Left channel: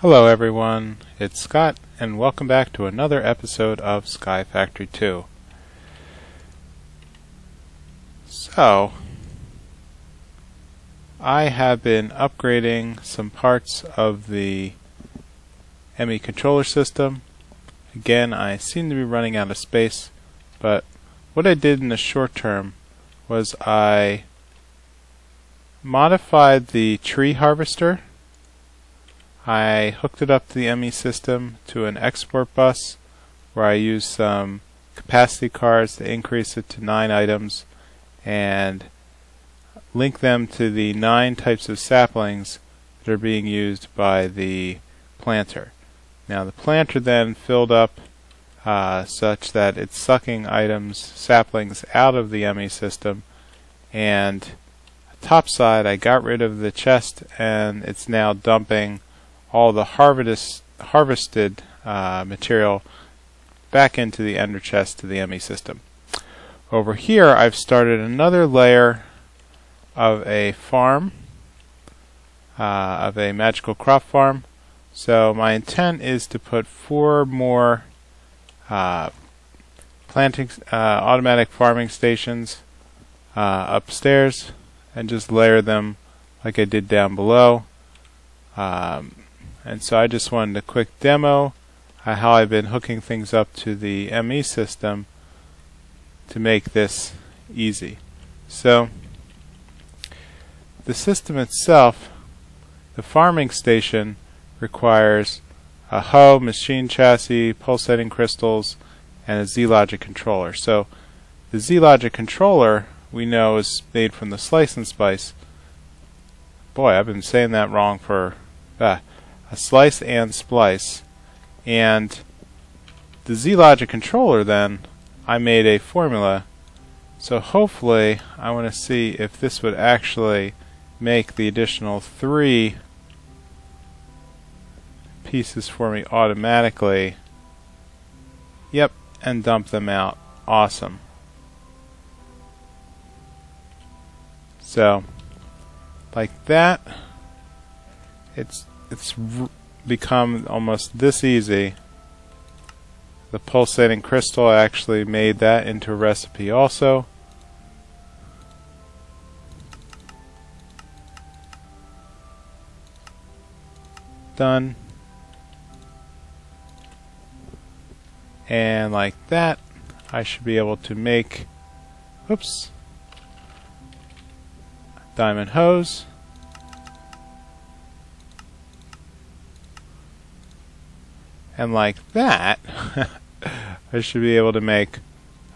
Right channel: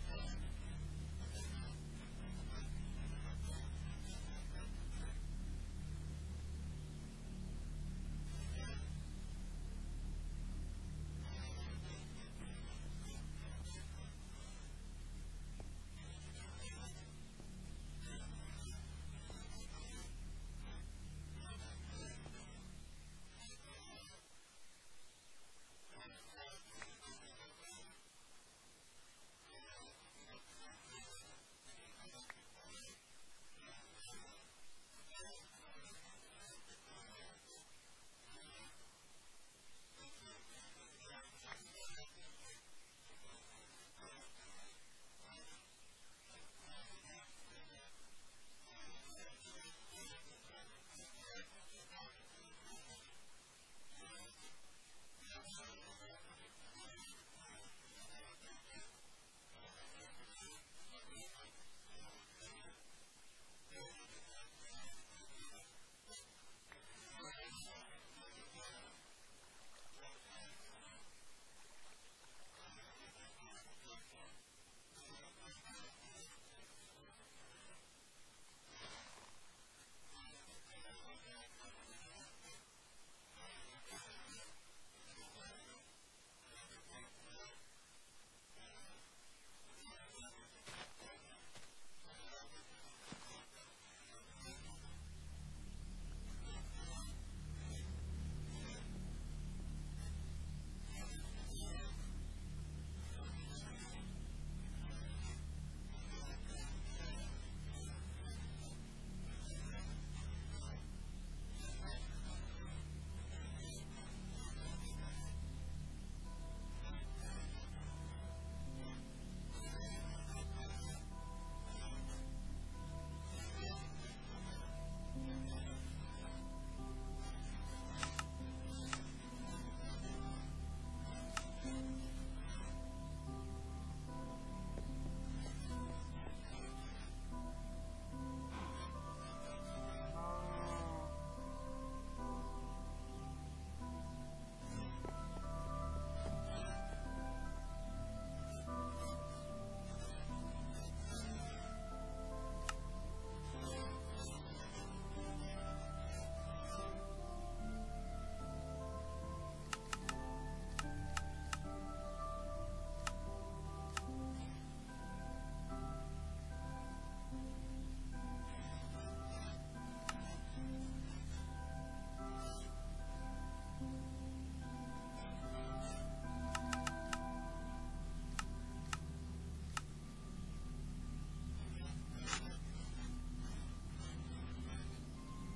Hello everyone, it's Scott, and welcome back to another episode of Sky Factory 2. So, I have been upgrading some parts of the ME controller system. Again, I seem to be running out of space, but what I did in the short term was I modified the tree harvester. I hooked it up to the ME system to an export bus where I used some capacity cards to increase it to 9 items and link them to the 9 types of saplings that are being used by the planter. Now the planter then filled up such that it's sucking saplings out of the ME system, and top side I got rid of the chest and it's now dumping all the harvested material back into the ender chest to the ME system. Over here I've started another layer of a farm, of a magical crop farm. So my intent is to put 4 more automatic farming stations upstairs and just layer them like I did down below. And so I just wanted a quick demo how I've been hooking things up to the ME system to make this easy. So the system itself, the farming station, requires a hoe, machine chassis, pulsating crystals, and a Z-Logic controller. So the Z-Logic controller we know is made from the slice and splice. Boy, I've been saying that wrong for a slice and splice. And the Z-Logic controller, then I made a formula. So hopefully I want to see if this would actually make the additional 3 pieces for me automatically. Yep, and dump them out. Awesome. So like that, it's become almost this easy. The pulsating crystal, I actually made that into a recipe also. Done. And like that, I should be able to make, oops, diamond hose. And like that, I should be able to make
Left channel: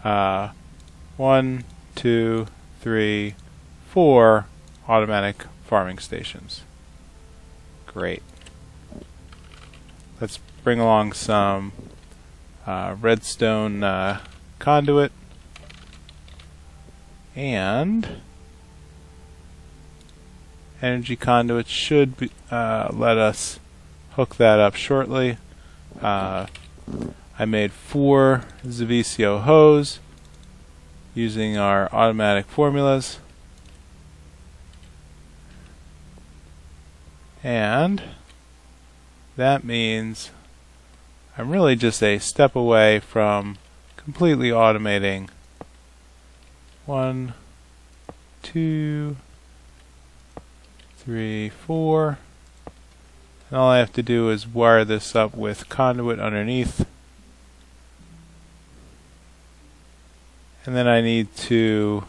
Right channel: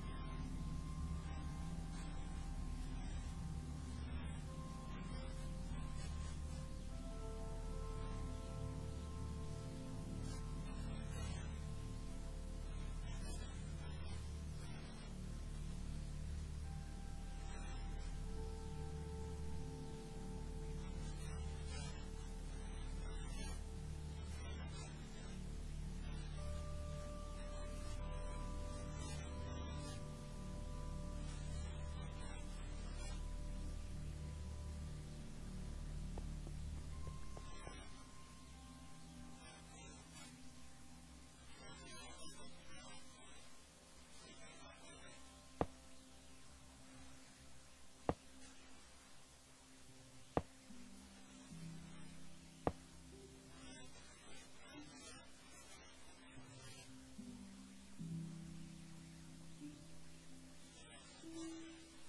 1, 2, 3, 4 automatic farming stations. Great. Let's bring along some redstone conduit, and energy conduit should be, let us hook that up shortly. I made 4 Zavicio hose using our automatic formulas, and that means I'm really just a step away from completely automating 1, 2, 3, 4. And all I have to do is wire this up with conduit underneath. And then I need to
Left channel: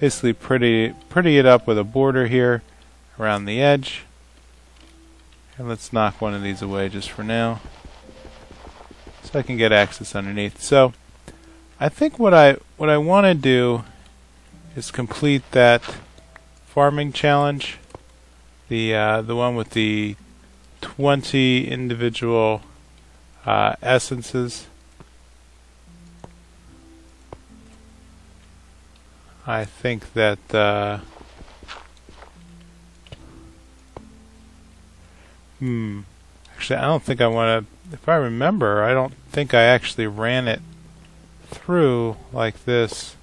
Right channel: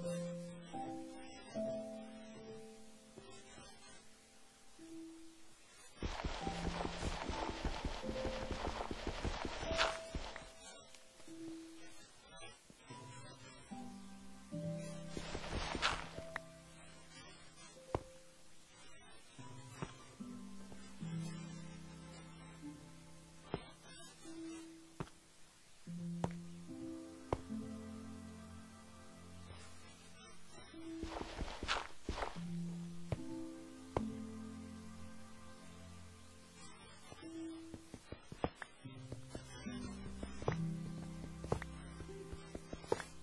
basically pretty it up with a border here around the edge. And let's knock one of these away just for now, so I can get access underneath. So I think what I want to do is complete that farming challenge, the one with the 20 individual essences. I think that actually I don't think I want to, if I remember, I don't think I actually ran it through like this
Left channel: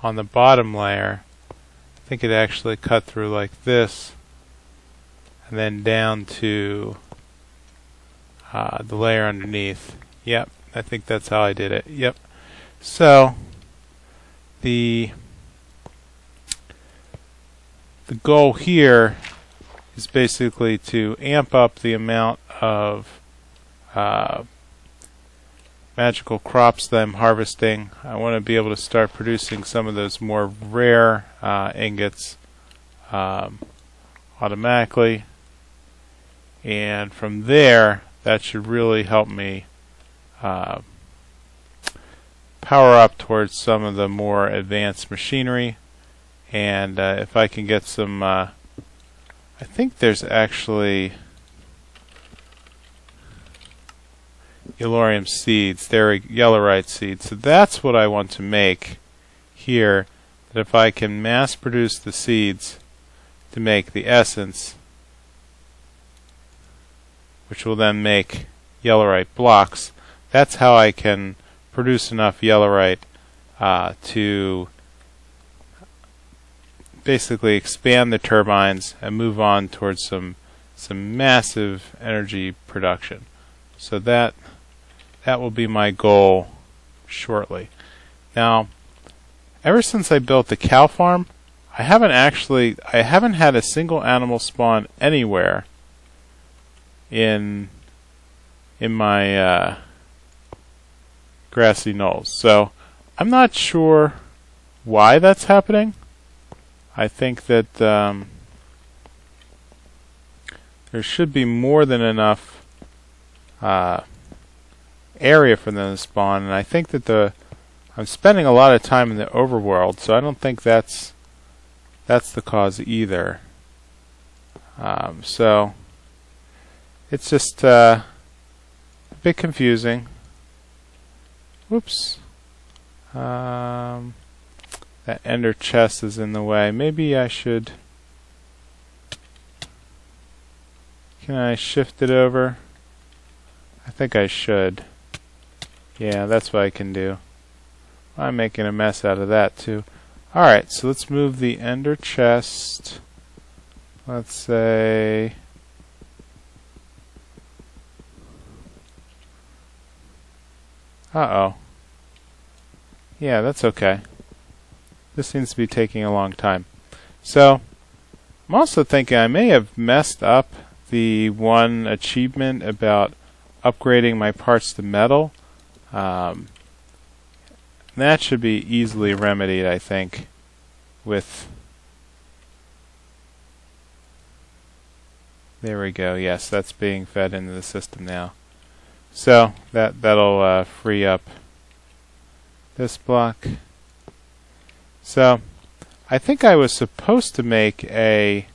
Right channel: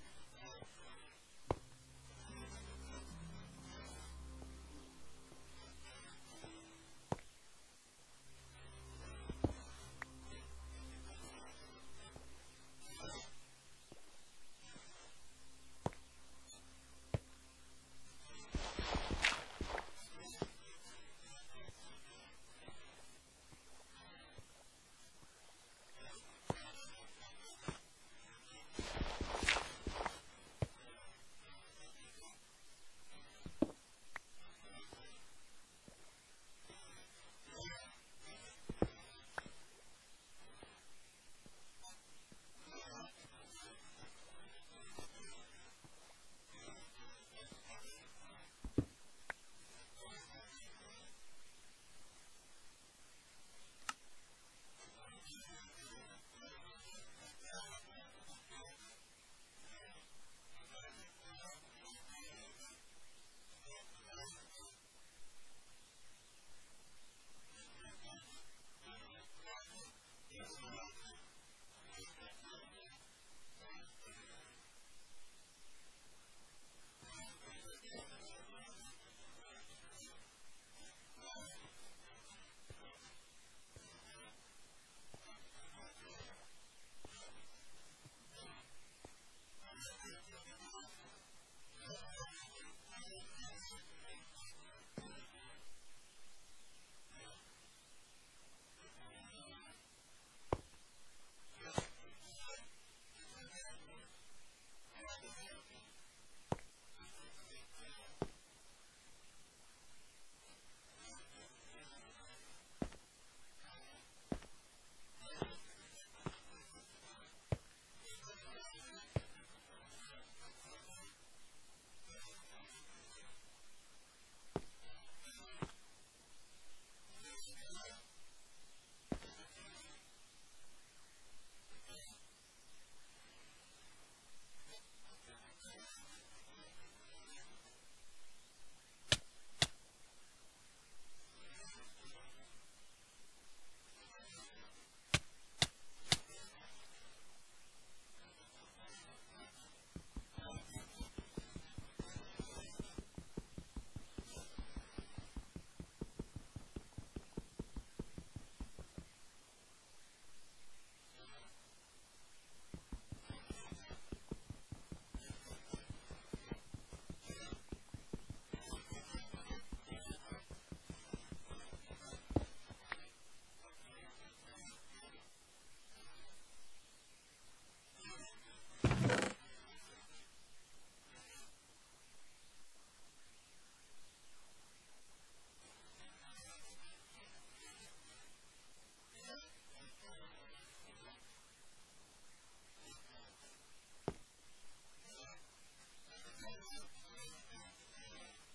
on the bottom layer. I think it actually cut through like this and then down to the layer underneath. Yep, I think that's how I did it. Yep. So the goal here is basically to amp up the amount of magical crops that I'm harvesting. I want to be able to start producing some of those more rare ingots automatically, and from there that should really help me power up towards some of the more advanced machinery. And if I can get some I think there's actually Yellorium seeds. They're Yellorite seeds. So that's what I want to make here. That if I can mass produce the seeds to make the essence, which will then make Yellorite blocks, that's how I can produce enough Yellorite to basically expand the turbines and move on towards some massive energy production. So that will be my goal shortly. Now, ever since I built the cow farm, I haven't had a single animal spawn anywhere in my grassy knolls. So I'm not sure why that's happening. I think that there should be more than enough area for them to spawn, and I think that I'm spending a lot of time in the overworld, so I don't think that's the cause either. So it's just a bit confusing. Whoops. That ender chest is in the way. Maybe I should... Can I shift it over? I think I should. Yeah, that's what I can do. I'm making a mess out of that too. Alright, so let's move the ender chest. Let's say... Uh-oh. Yeah, that's okay. This seems to be taking a long time. So, I'm also thinking I may have messed up the one achievement about upgrading my parts to metal. That should be easily remedied, I think, with... There we go. Yes, that's being fed into the system now. So that'll free up this block. So I think I was supposed to make a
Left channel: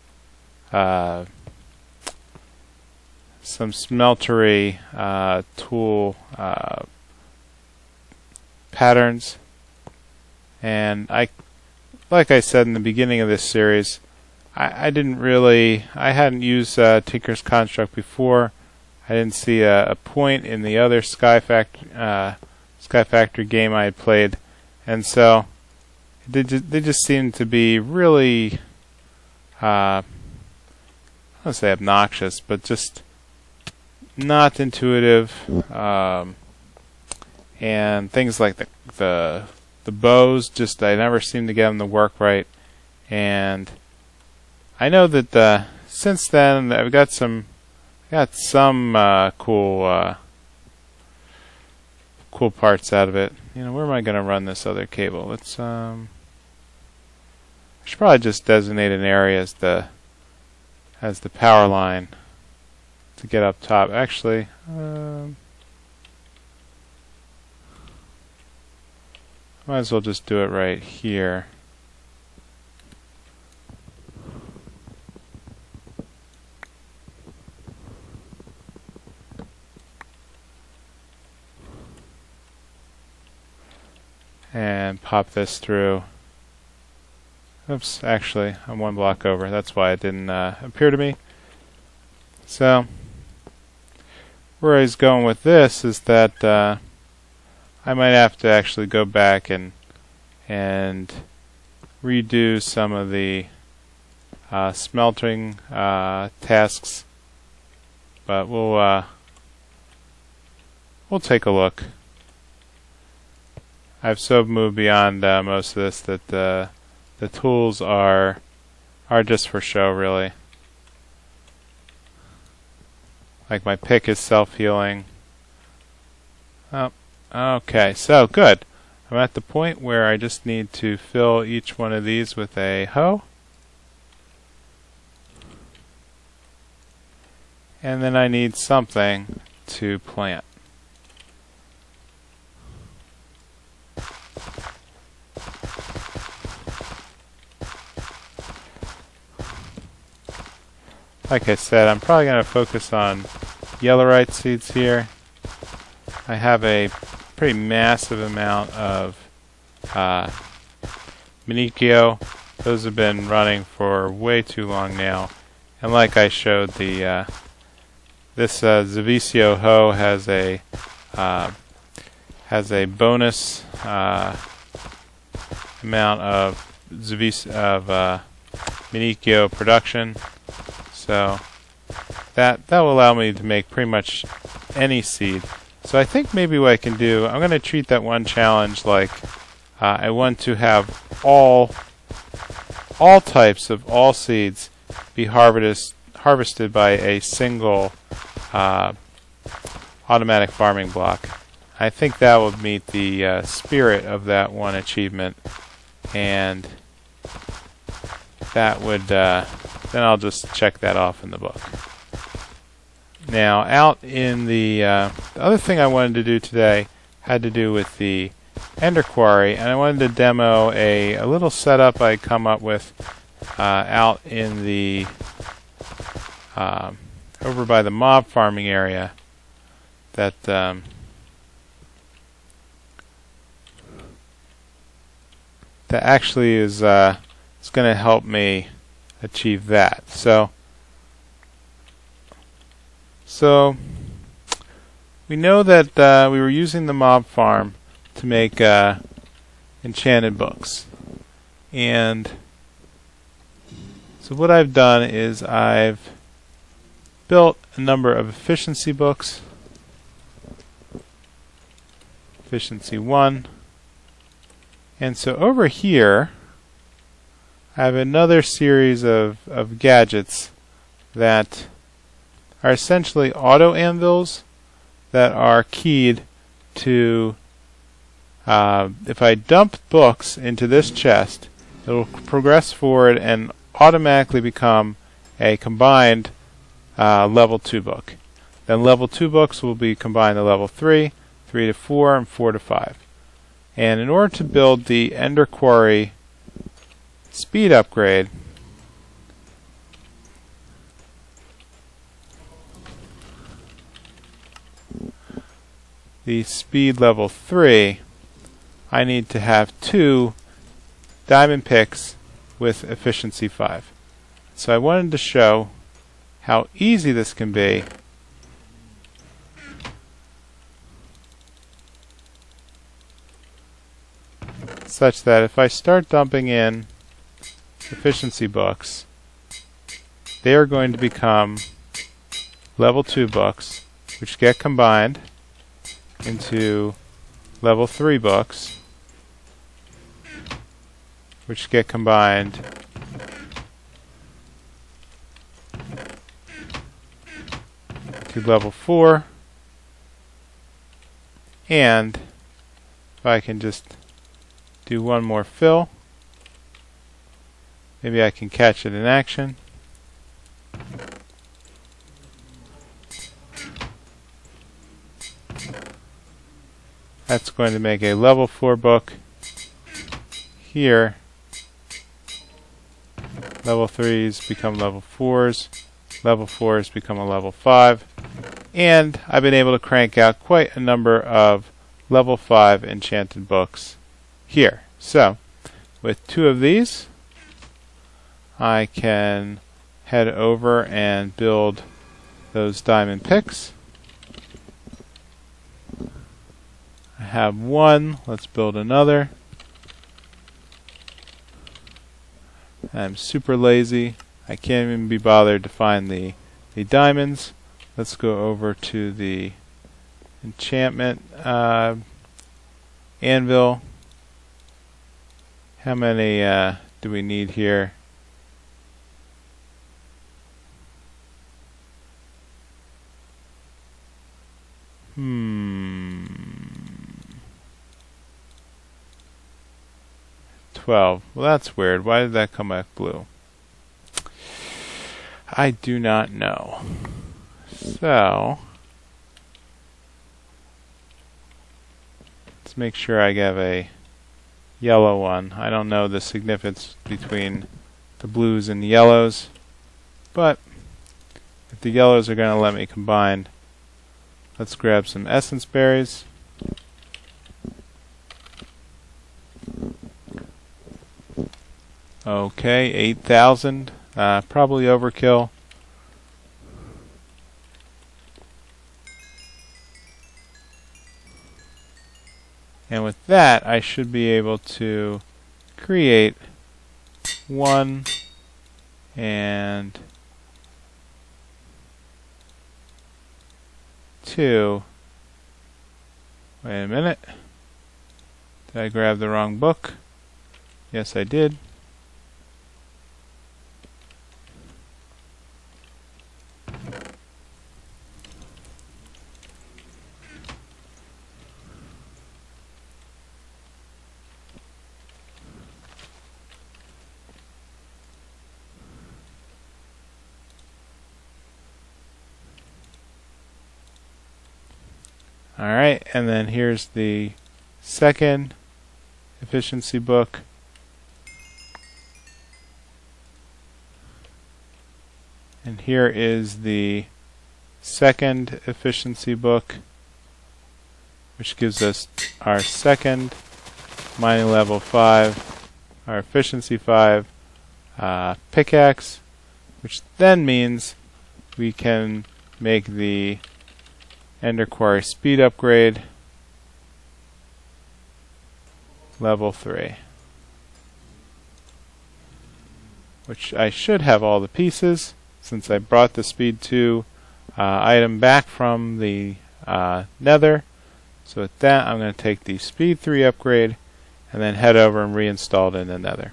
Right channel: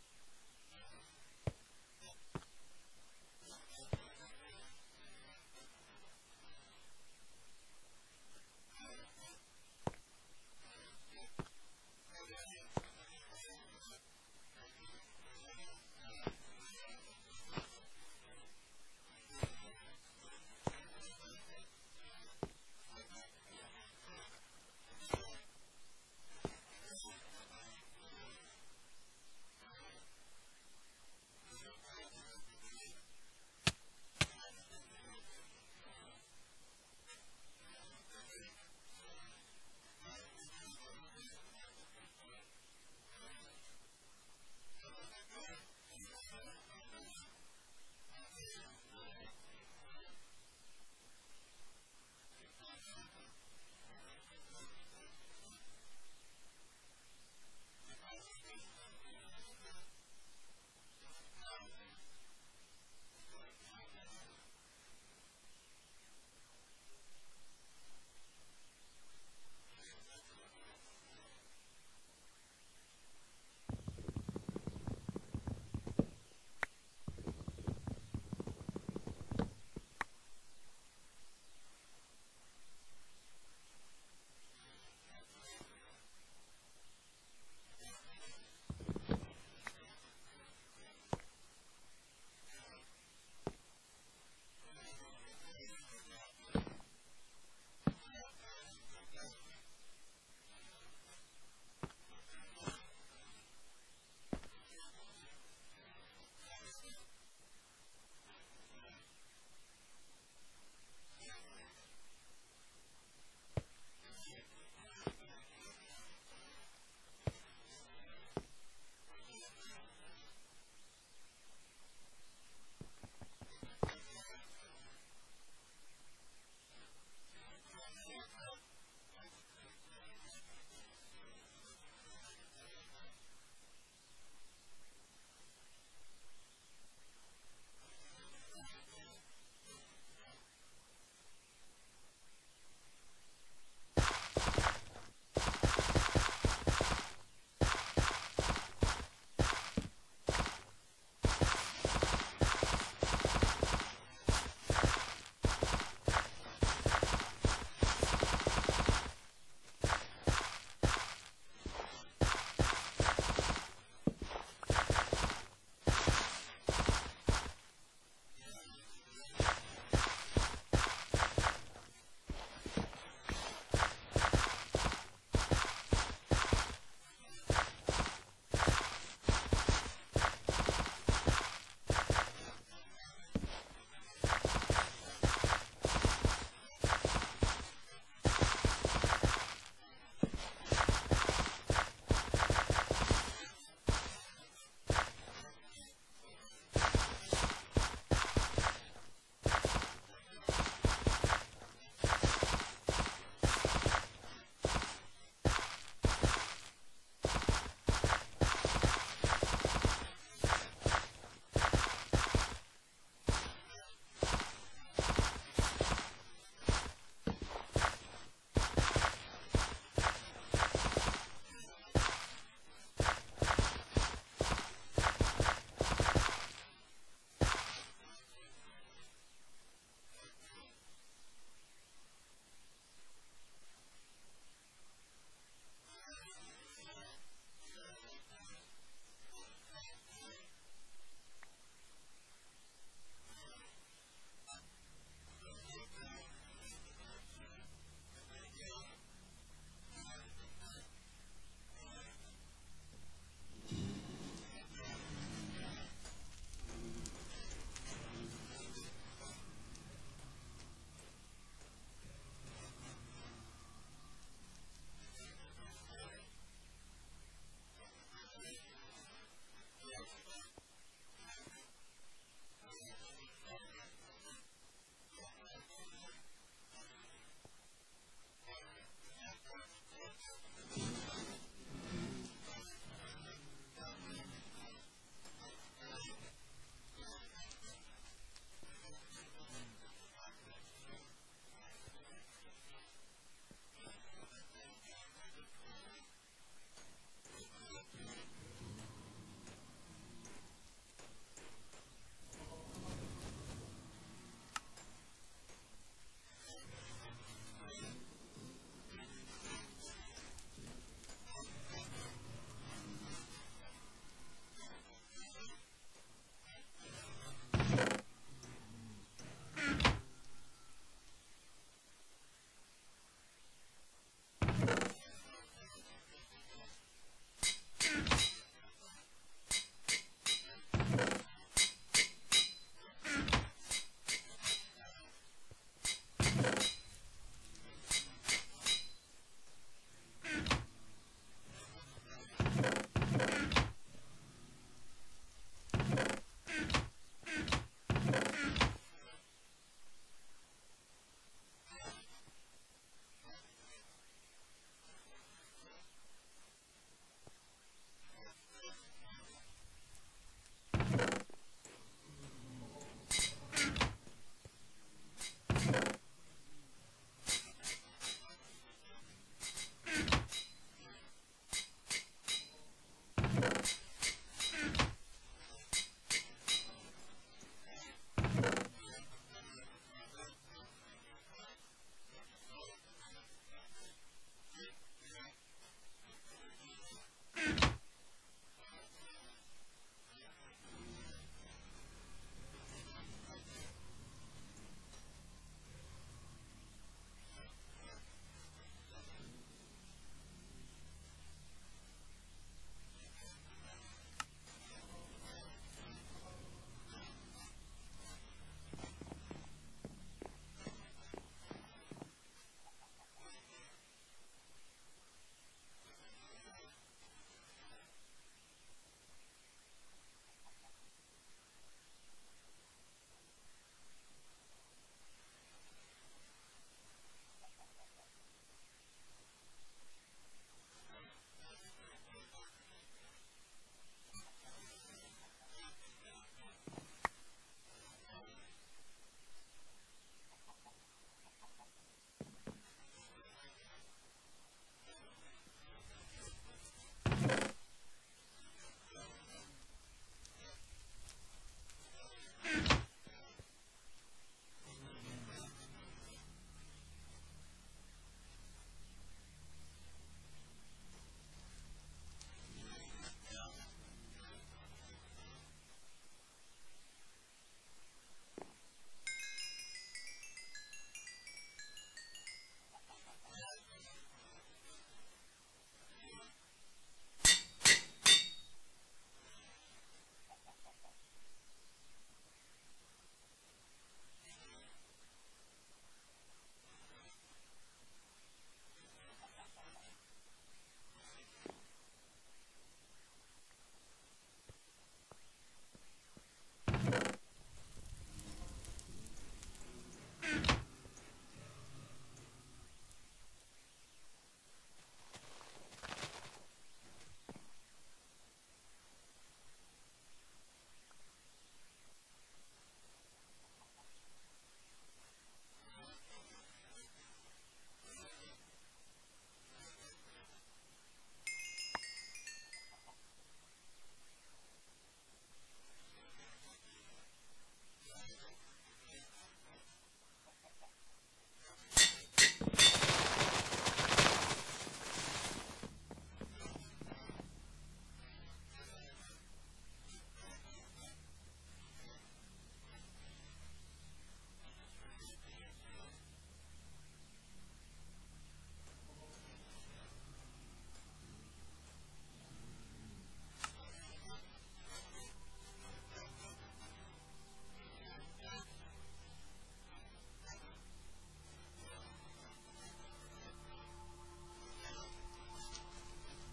some smeltery tool patterns, and like I said in the beginning of this series, I hadn't used Tinker's Construct before. I didn't see a point in the other Sky Factory game I had played, and so they just seemed to be really, I don't want to say obnoxious, but just not intuitive, and things like the bows, just I never seemed to get them to work right. And I know that since then I've got some cool parts out of it. You know, where am I going to run this other cable? Let's I should probably just designate an area as the power line to get up top. Actually, might as well just do it right here. And pop this through. Oops, actually, I'm one block over. That's why it didn't appear to me. So, where I was going with this is that I might have to actually go back and redo some of the smelting tasks, but we'll we'll take a look. I've so moved beyond most of this that the tools are just for show, really. Like my pick is self-healing. Oh, okay, so good. I'm at the point where I just need to fill each one of these with a hoe. And then I need something to plant. Like I said, I'm probably going to focus on yellowite seeds here. I have a pretty massive amount of Manicchio. Those have been running for way too long now. And like I showed, this Zavicio hoe has a bonus amount of Manicchio production. So that will allow me to make pretty much any seed. So I think maybe what I can do, I'm going to treat that one challenge like I want to have all types of all seeds be harvested by a single automatic farming block. I think that would meet the spirit of that one achievement, and that would then I'll just check that off in the book. Now, out in the other thing I wanted to do today had to do with the Ender Quarry, and I wanted to demo a little setup I come up with out in the over by the mob farming area that that actually is going to help me achieve that. So we know that we were using the mob farm to make enchanted books, and so what I've done is I've built a number of efficiency books. Efficiency 1. And so over here I have another series of gadgets that are essentially auto anvils that are keyed to if I dump books into this chest, it will progress forward and automatically become a combined level 2 book. Then level 2 books will be combined to level 3, 3 to 4, and 4 to 5. And in order to build the Ender Quarry speed upgrade, the speed level 3, I need to have 2 diamond picks with efficiency 5. So I wanted to show how easy this can be such that if I start dumping in efficiency books, they are going to become level 2 books, which get combined into level 3 books, which get combined to level 4, and if I can just do one more fill, maybe I can catch it in action. That's going to make a level 4 book here. Level 3s become level 4s. Level 4s become a level 5. And I've been able to crank out quite a number of level 5 enchanted books here. So, with 2 of these, I can head over and build those diamond picks. I have 1, let's build another. I'm super lazy. I can't even be bothered to find the diamonds. Let's go over to the enchantment anvil. How many do we need here? Hmm. 12. Well, that's weird. Why did that come back blue? I do not know. So, let's make sure I have a yellow one. I don't know the significance between the blues and the yellows, but if the yellows are going to let me combine, let's grab some essence berries. Okay, 8,000. Probably overkill. And with that, I should be able to create 1 and 2. Wait a minute. Did I grab the wrong book? Yes, I did. Alright, and then here's the second efficiency book. And here is the second efficiency book, which gives us our second mining level 5, our efficiency 5 pickaxe, which then means we can make the Ender Quarry speed upgrade level 3, which I should have all the pieces since I brought the speed 2 item back from the nether. So with that, I'm going to take the speed 3 upgrade and then head over and reinstall it in the nether.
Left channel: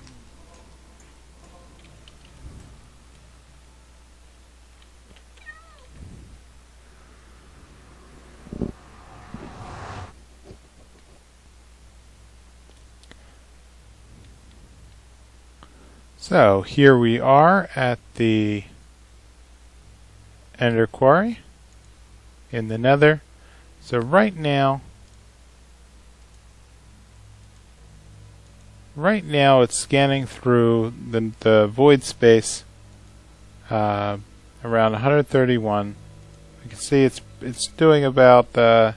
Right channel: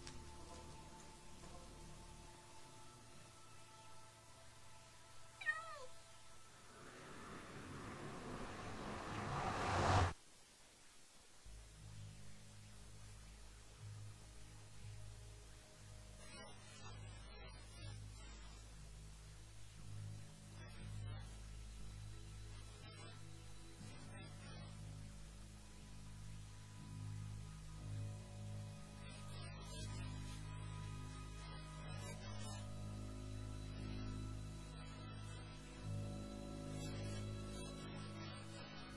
So here we are at the Ender Quarry in the nether. So right now it's scanning through the void space around 131. You can see it's doing about I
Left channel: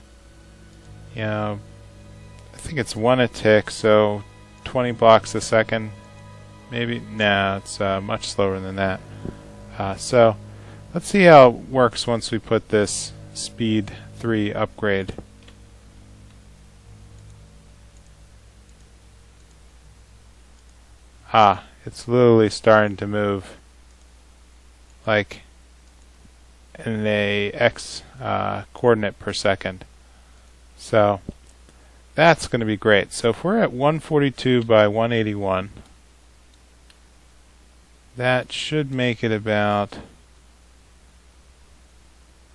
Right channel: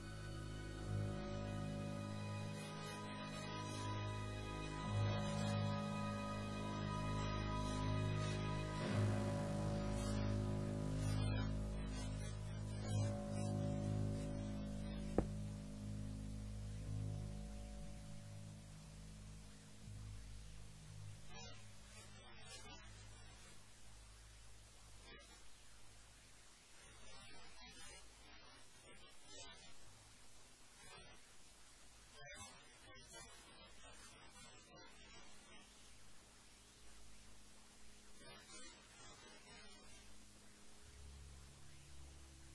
think it's 1 a tick, so 20 blocks a second. Maybe, no, it's much slower than that. So let's see how it works once we put this speed 3 upgrade. It's literally starting to move like in a x coordinate per second. So that's going to be great. So if we're at 142 by 181, that should make it about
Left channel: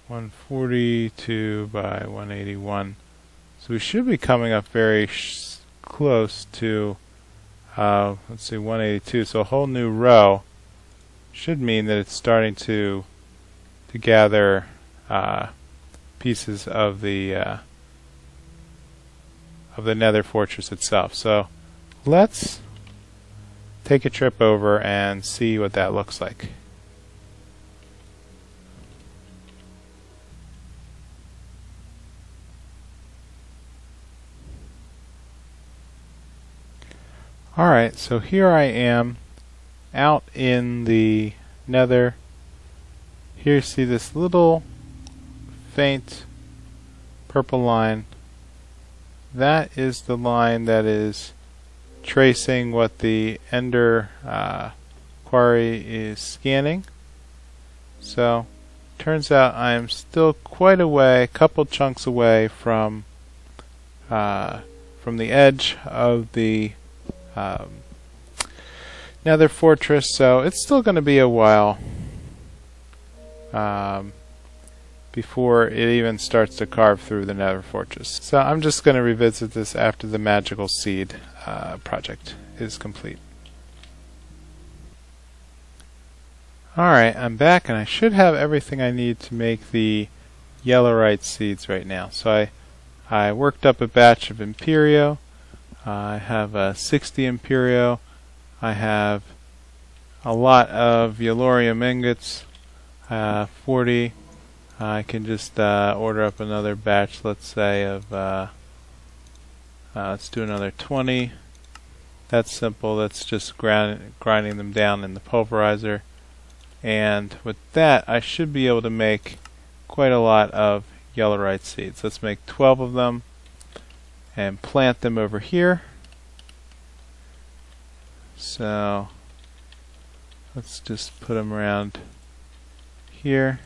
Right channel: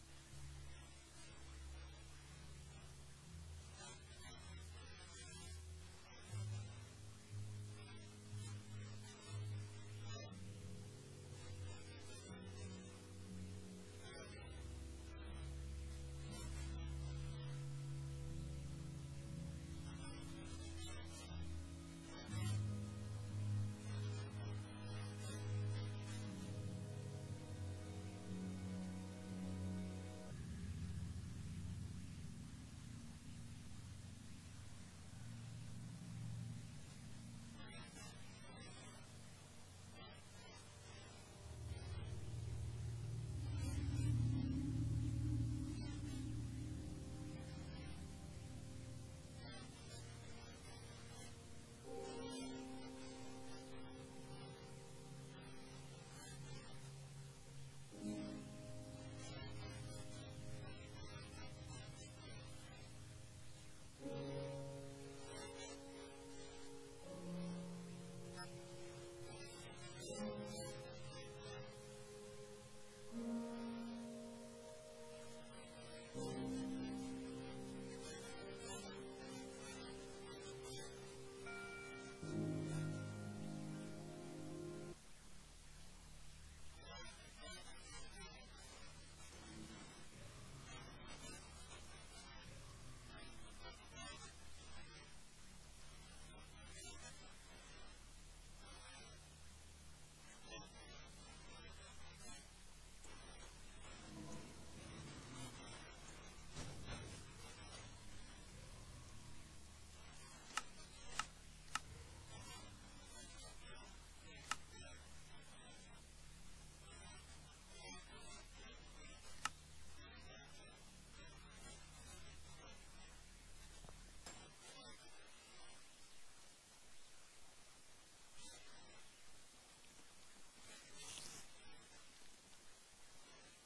142 by 181. So we should be coming up very close to, let's see, 182. So a whole new row should mean that it's starting to gather pieces of the nether fortress itself. So let's take a trip over and see what that looks like. Alright, so here I am out in the nether. Here you see this little faint purple line. That is the line that is tracing what the Ender Quarry is scanning. So turns out I'm still quite away, a couple chunks away from the edge of the nether fortress, so it's still going to be a while before it even starts to carve through the nether fortress. So I'm just going to revisit this after the magical seed project is complete. Alright, I'm back and I should have everything I need to make the yellowite seeds right now. So I worked up a batch of Imperio. I have 60 Imperio. I have a lot of Yellorium ingots, 40. I can just order up another batch, let's say, of, let's do another 20. That's simple. That's just grinding them down in the pulverizer. And with that, I should be able to make quite a lot of yellowite seeds. Let's make 12 of them and plant them over here. So let's just put them around here.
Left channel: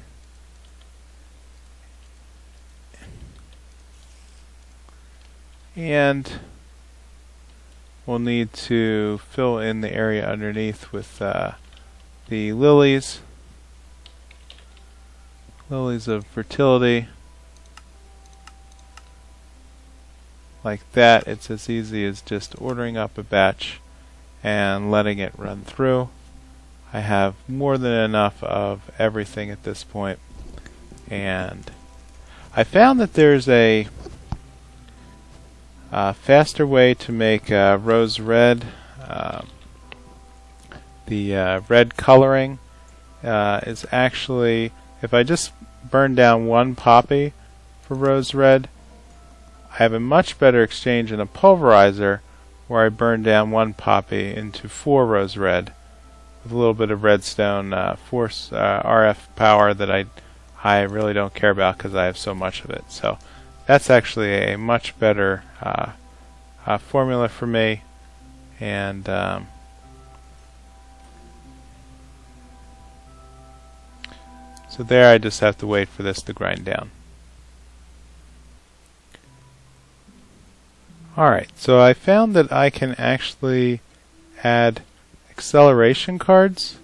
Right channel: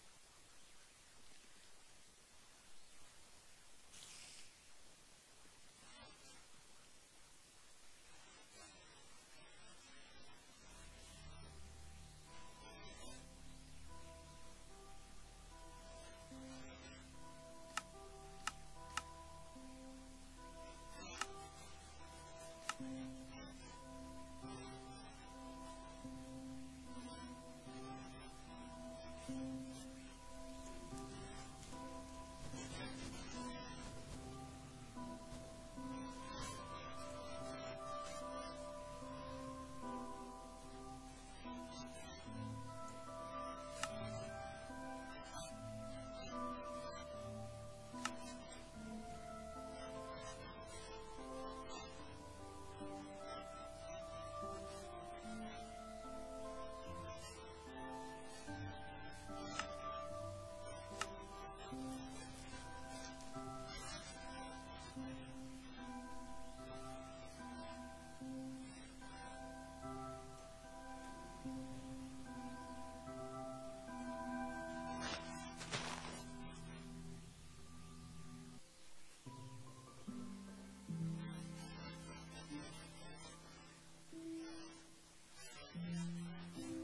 And we'll need to fill in the area underneath with the lilies of fertility. Like that. It's as easy as just ordering up a batch and letting it run through. I have more than enough of everything at this point, and I found that there's a faster way to make rose red. The red coloring is actually, if I just burn down one poppy for rose red, I have a much better exchange in a pulverizer where I burn down one poppy into 4 rose red with a little bit of redstone force RF power that I really don't care about because I have so much of it. So that's actually a much better formula for me, and so there I just have to wait for this to grind down. Alright, so I found that I can actually add acceleration cards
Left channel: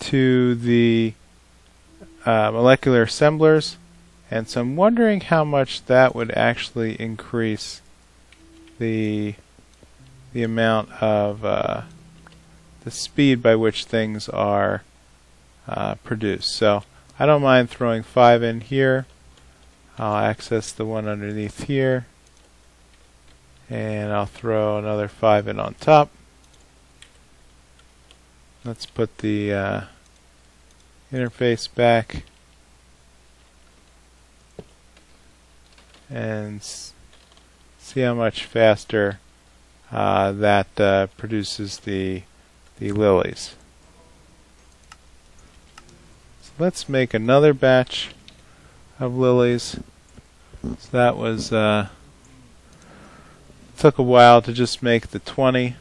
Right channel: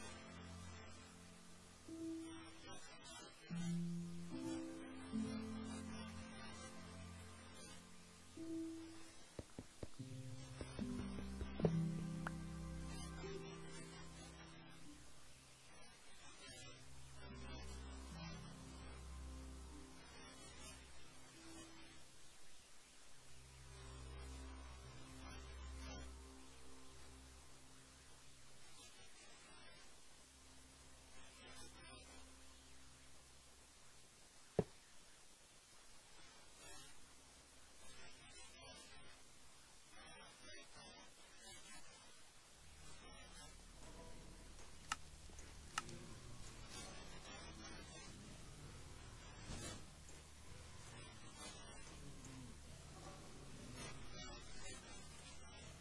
to the molecular assemblers, and so I'm wondering how much that would actually increase the amount of the speed by which things are produced. So I don't mind throwing 5 in here. I'll access the one underneath here, and I'll throw another 5 in on top. Let's put the interface back and see how much faster that produces the lilies. So let's make another batch of lilies. So that was took a while to just make the 20.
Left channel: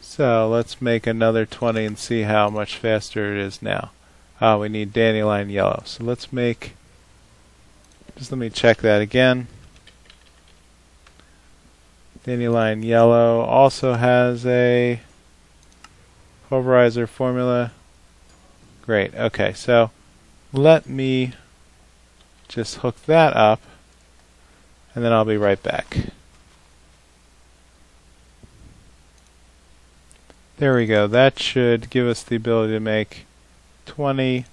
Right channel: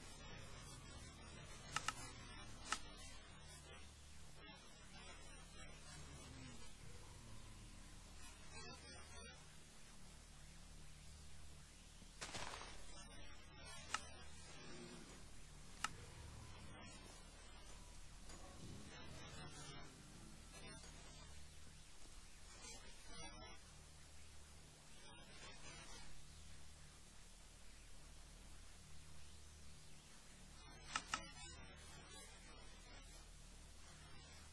So let's make another 20 and see how much faster it is now. We need dandelion yellow. So let's make, just let me check that again. Dandelion yellow also has a pulverizer formula. Great. Okay, so let me just hook that up, and then I'll be right back. There we go. That should give us the ability to make 20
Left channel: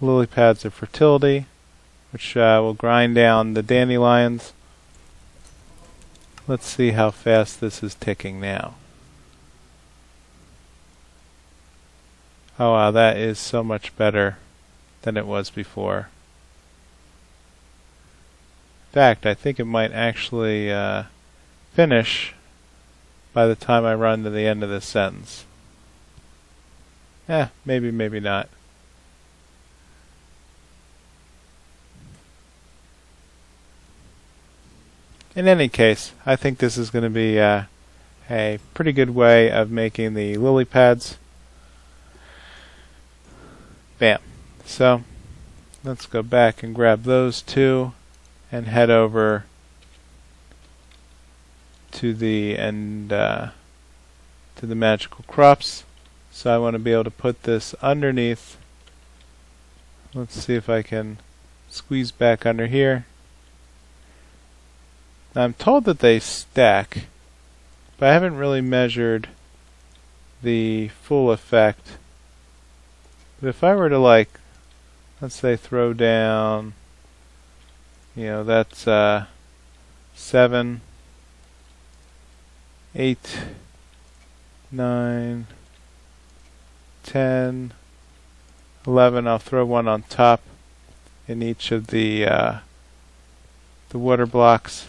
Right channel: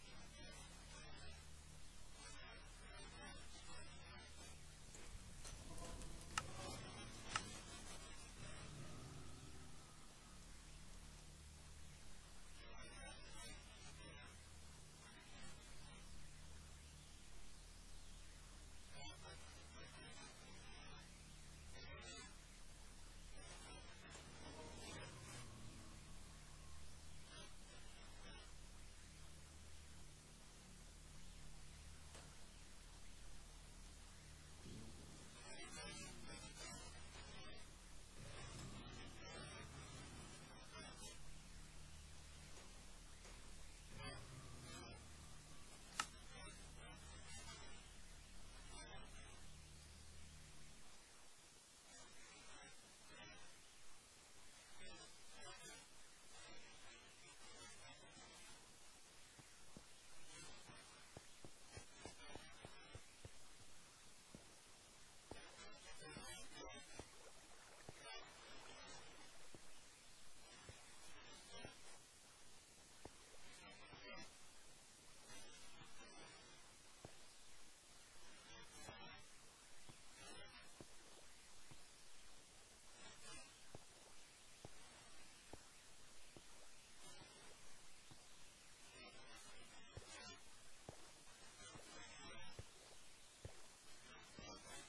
lily pads of fertility, which will grind down the dandelions. Let's see how fast this is ticking now. Oh wow, that is so much better than it was before. In fact, I think it might actually finish by the time I run to the end of this sentence. Maybe, maybe not. In any case, I think this is going to be a pretty good way of making the lily pads. Bam. So let's go back and grab those two and head over to the to the magical crops. So I want to be able to put this underneath. Let's see if I can squeeze back under here. Now I'm told that they stack, but I haven't really measured the full effect. But if I were to, like, let's say throw down, you know, that's 7, 8, 9, 10, 11. I'll throw one on top in each of the water blocks.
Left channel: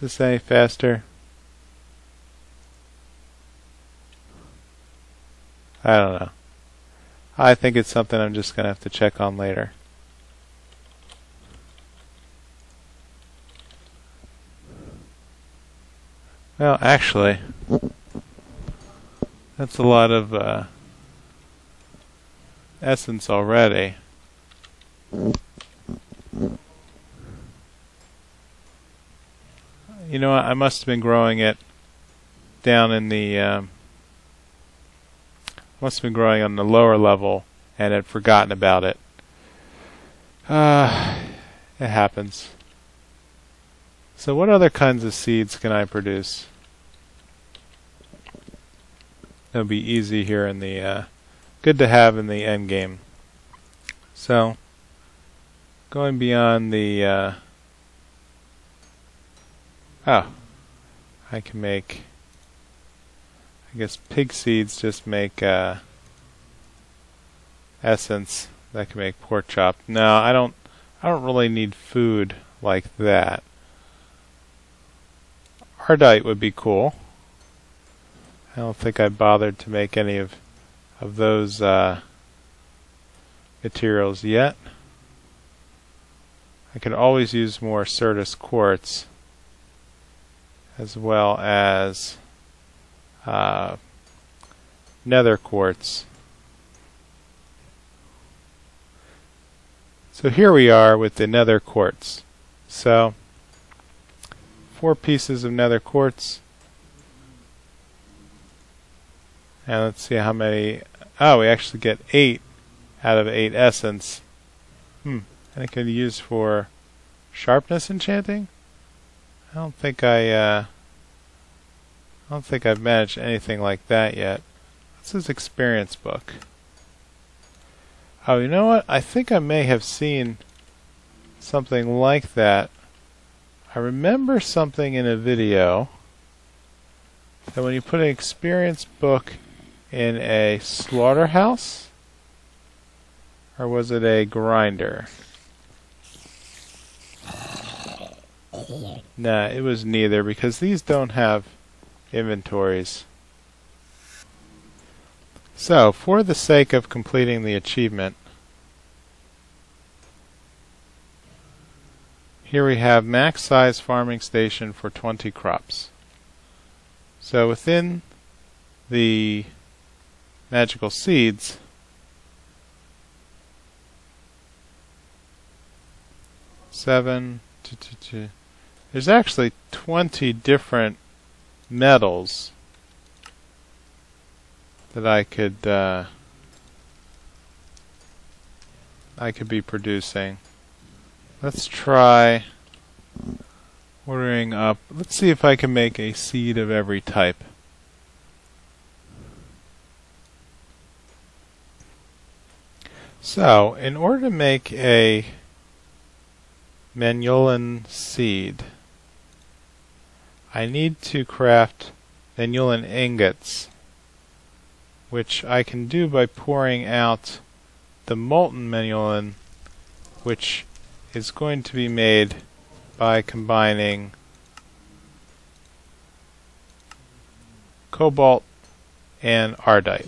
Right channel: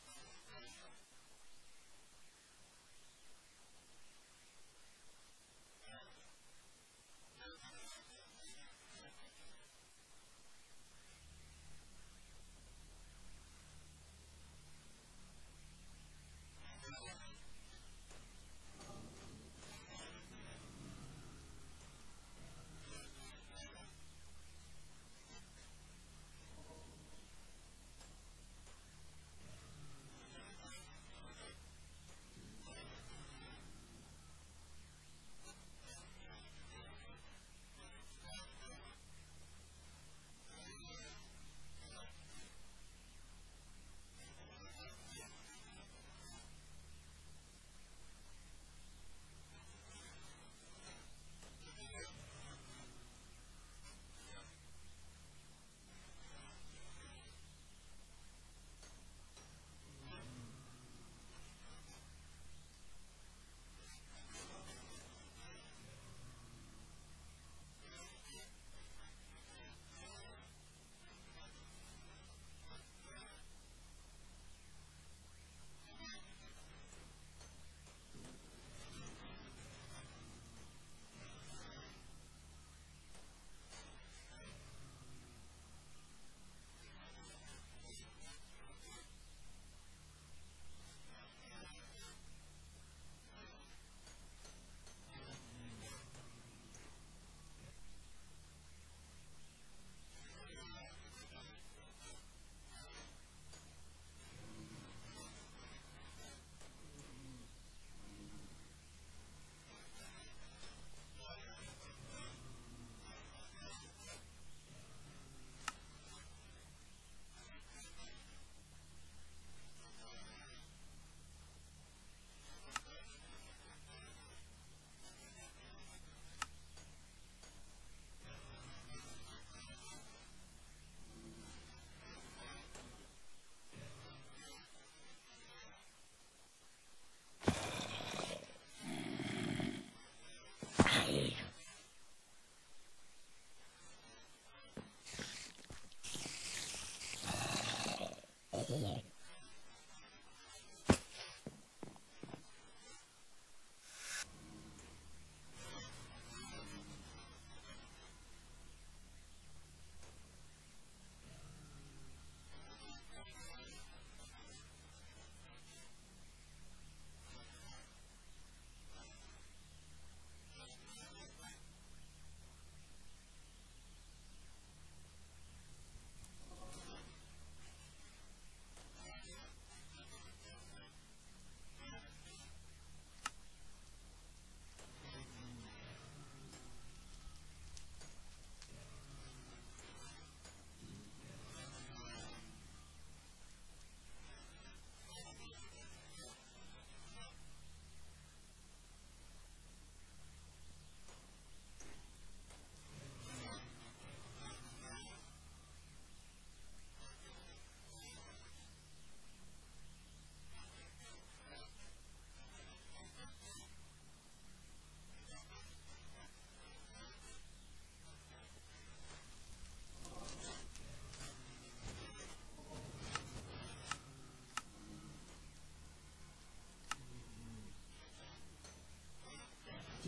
Is this any faster? I don't know. I think it's something I'm just going to have to check on later. Well, actually, that's a lot of essence already. You know what? I must have been growing it down in the must have been growing on the lower level and had forgotten about it. It happens. So what other kinds of seeds can I produce? It'll be easy here in the good to have in the end game. So going beyond the I can make, I guess pig seeds just make essence that can make pork chop. No, I don't really need food like that. Ardite would be cool. I don't think I bothered to make any of those materials yet. I could always use more Certus quartz, as well as nether quartz. So here we are with the nether quartz. So 4 pieces of nether quartz. And let's see how many. Oh, we actually get 8 out of 8 essence. And it can be used for sharpness enchanting. I don't think I've managed anything like that yet. What's his experience book? Oh, you know what? I think I may have seen something like that. I remember something in a video that when you put an experience book in a slaughterhouse, or was it a grinder? Nah, it was neither, because these don't have inventories. So, for the sake of completing the achievement, here we have max size farming station for 20 crops. So within the magical seeds, there's actually 20 different metals that I could be producing. Let's try ordering up. Let's see if I can make a seed of every type. So, in order to make a Manulan seed, I need to craft Manulan ingots, which I can do by pouring out the molten Manulan, which is going to be made by combining cobalt and ardite.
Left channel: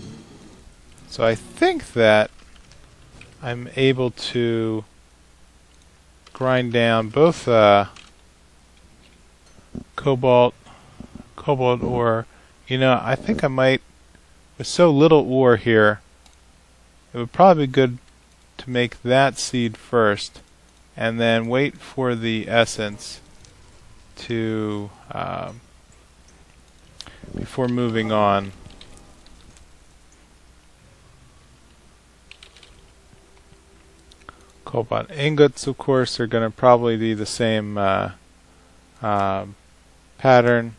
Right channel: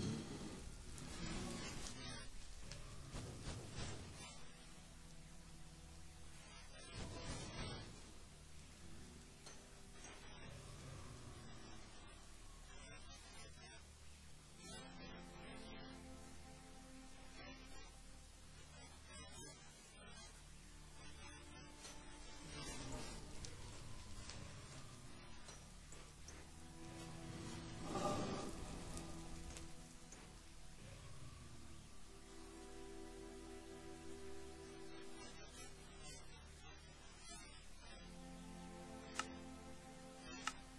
So I think that I'm able to grind down both cobalt ore. You know, I think I might, with so little ore here, it would probably be good to make that seed first and then wait for the essence to before moving on. Cobalt ingots, of course, are going to probably be the same pattern.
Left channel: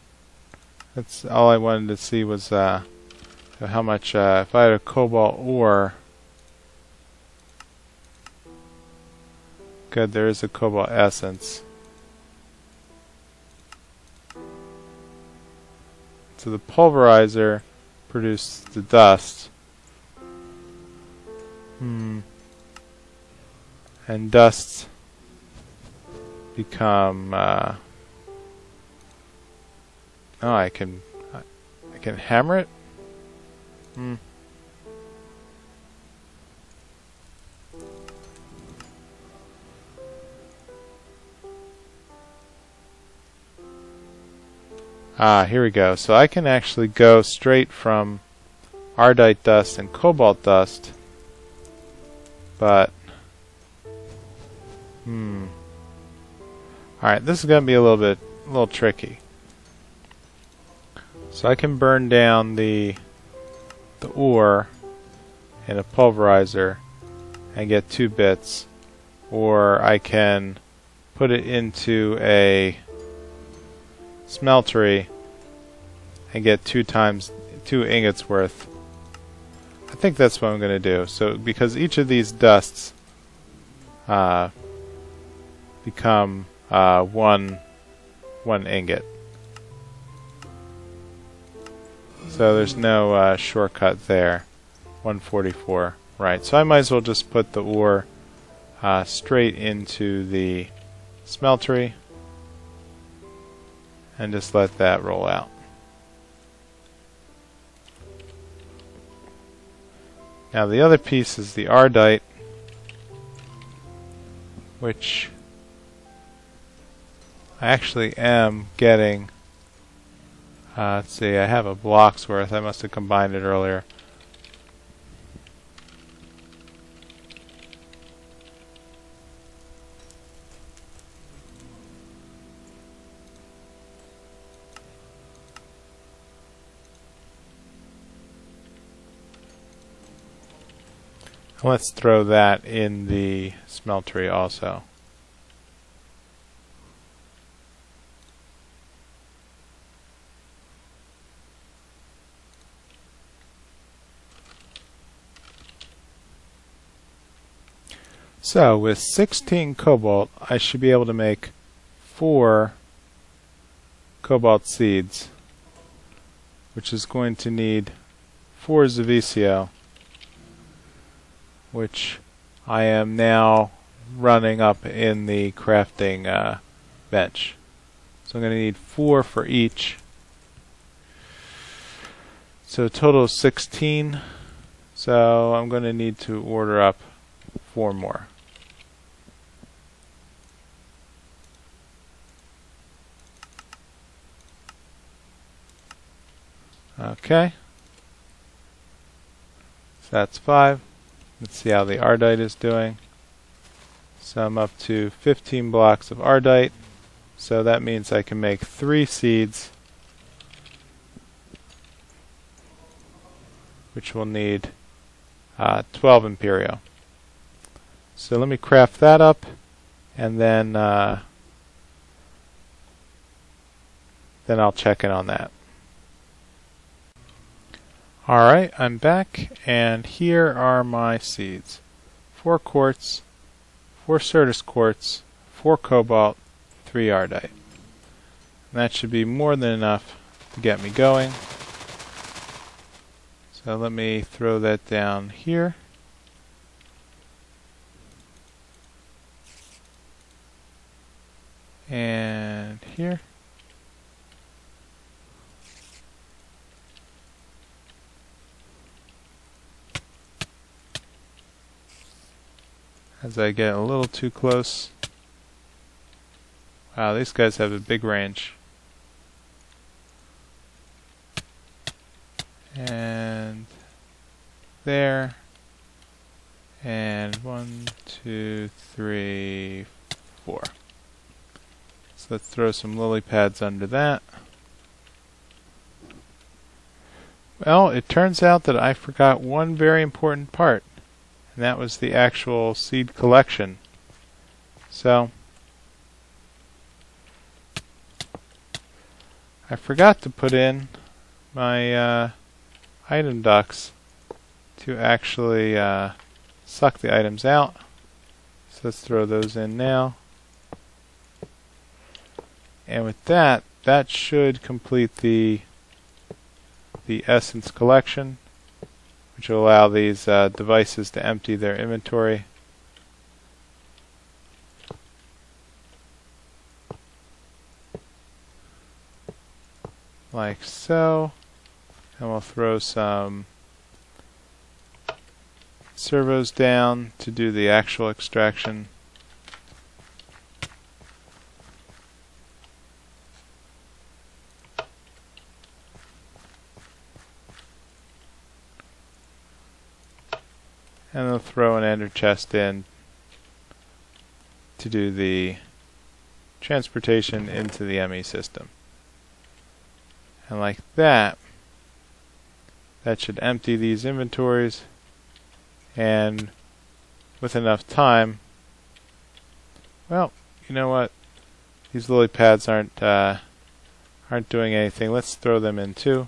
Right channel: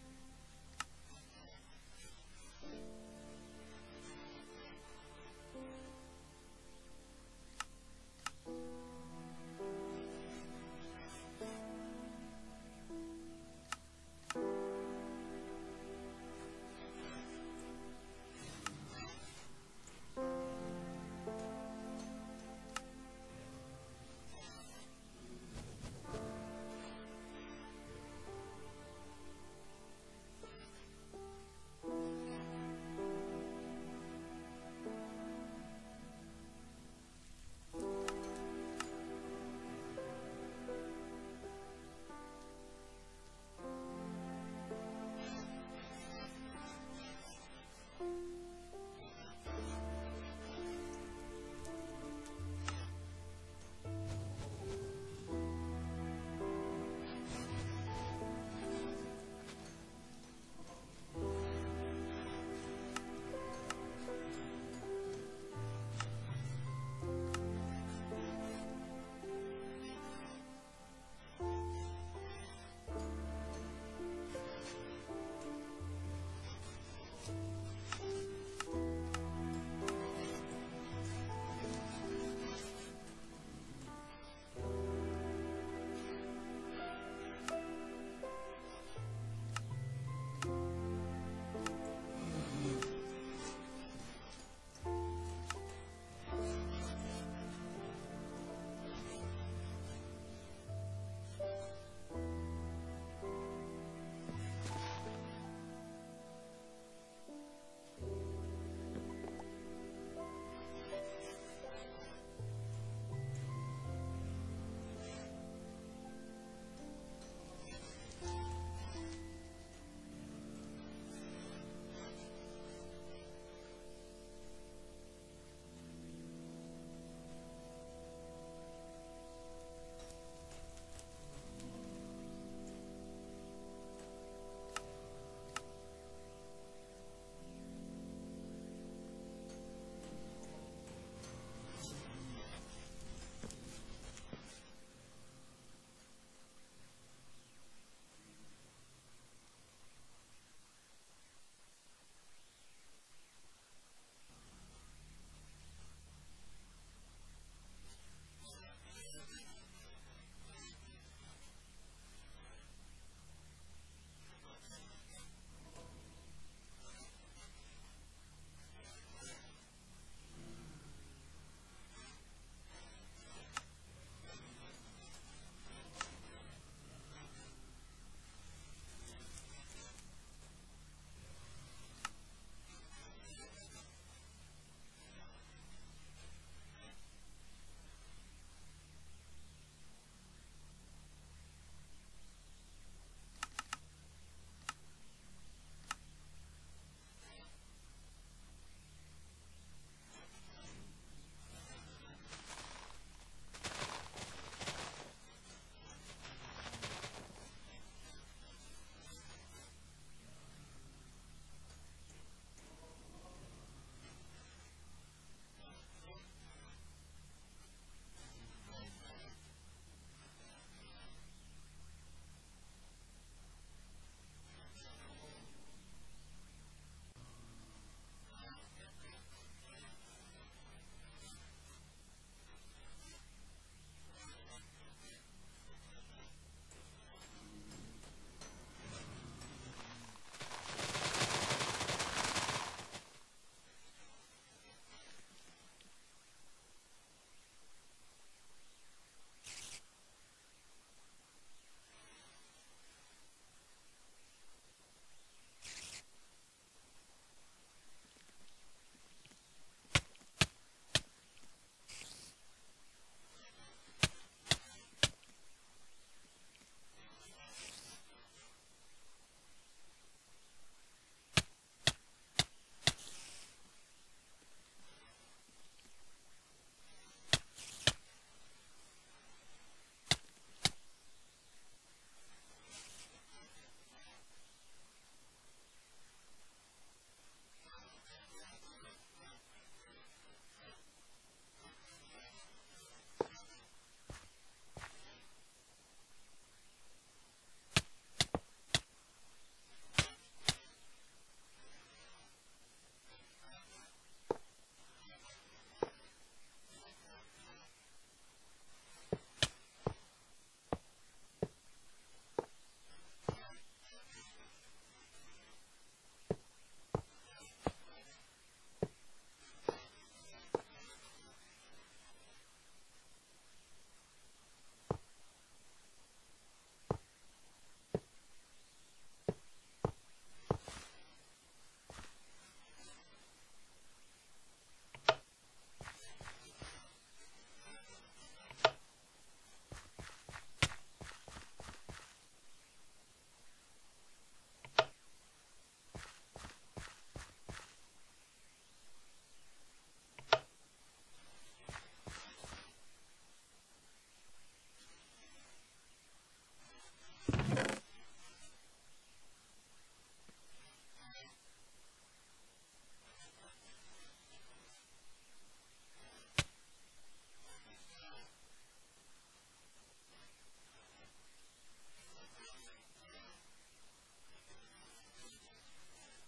That's all I wanted to see was how much, if I had a cobalt ore. Good, there is a cobalt essence. So the pulverizer produced the dust. And dusts become oh, I can hammer it? Ah, here we go. So I can actually go straight from ardite dust and cobalt dust, but alright, this is going to be a little tricky. So I can burn down the ore in a pulverizer and get 2 bits, or I can put it into a smeltery and get 2 ingots worth. I think that's what I'm going to do. So because each of these dusts become one ingot. So there's no shortcut there. 144. Right, so I might as well just put the ore straight into the smeltery and just let that roll out. Now the other piece is the ardite, which I actually am getting. Let's see, I have a block's worth. I must have combined it earlier. Let's throw that in the smeltery also. So with 16 cobalt, I should be able to make 4 cobalt seeds, which is going to need 4 Zavicio, which I am now running up in the crafting bench. So I'm going to need 4 for each. So a total of 16. So I'm going to need to order up 4 more. Okay. So that's 5. Let's see how the ardite is doing. So I'm up to 15 blocks of ardite. So that means I can make 3 seeds, which will need 12 Imperio. So let me craft that up, and then I'll check in on that. Alright, I'm back, and here are my seeds. 4 quartz, 4 Certus quartz, 4 cobalt, 3 ardite. And that should be more than enough to get me going. So let me throw that down here. And here. as I get a little too close. Wow, these guys have a big range. And there. And 1, 2, 3, 4. So let's throw some lily pads under that. Well, it turns out that I forgot one very important part, and that was the actual seed collection. So I forgot to put in my item ducts to actually suck the items out. So let's throw those in now. And with that, that should complete the essence collection, which will allow these devices to empty their inventory. Like so. And we'll throw some servos down to do the actual extraction. And they'll throw an ender chest in to do the transportation into the ME system. And like that, that should empty these inventories, and with enough time, well, you know what? These lily pads aren't doing anything. Let's throw them in too.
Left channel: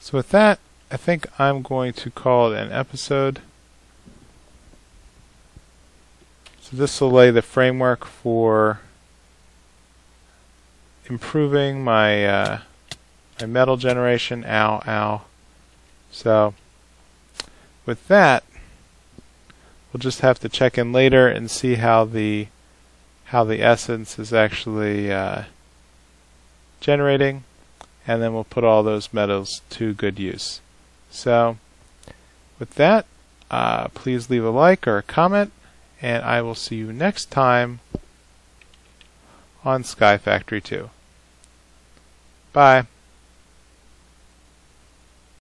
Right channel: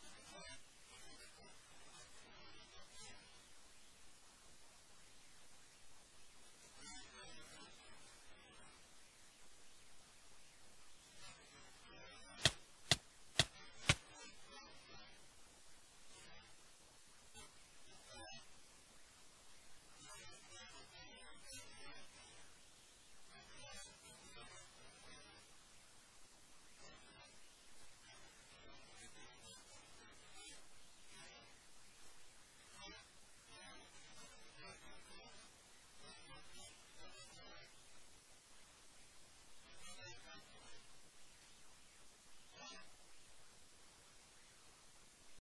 So with that, I think I'm going to call it an episode. So this will lay the framework for improving my my metal generation. Ow. So with that, we'll just have to check in later and see how the essence is actually generating, and then we'll put all those metals to good use. So with that, please leave a like or a comment, and I will see you next time on Sky Factory 2. Bye.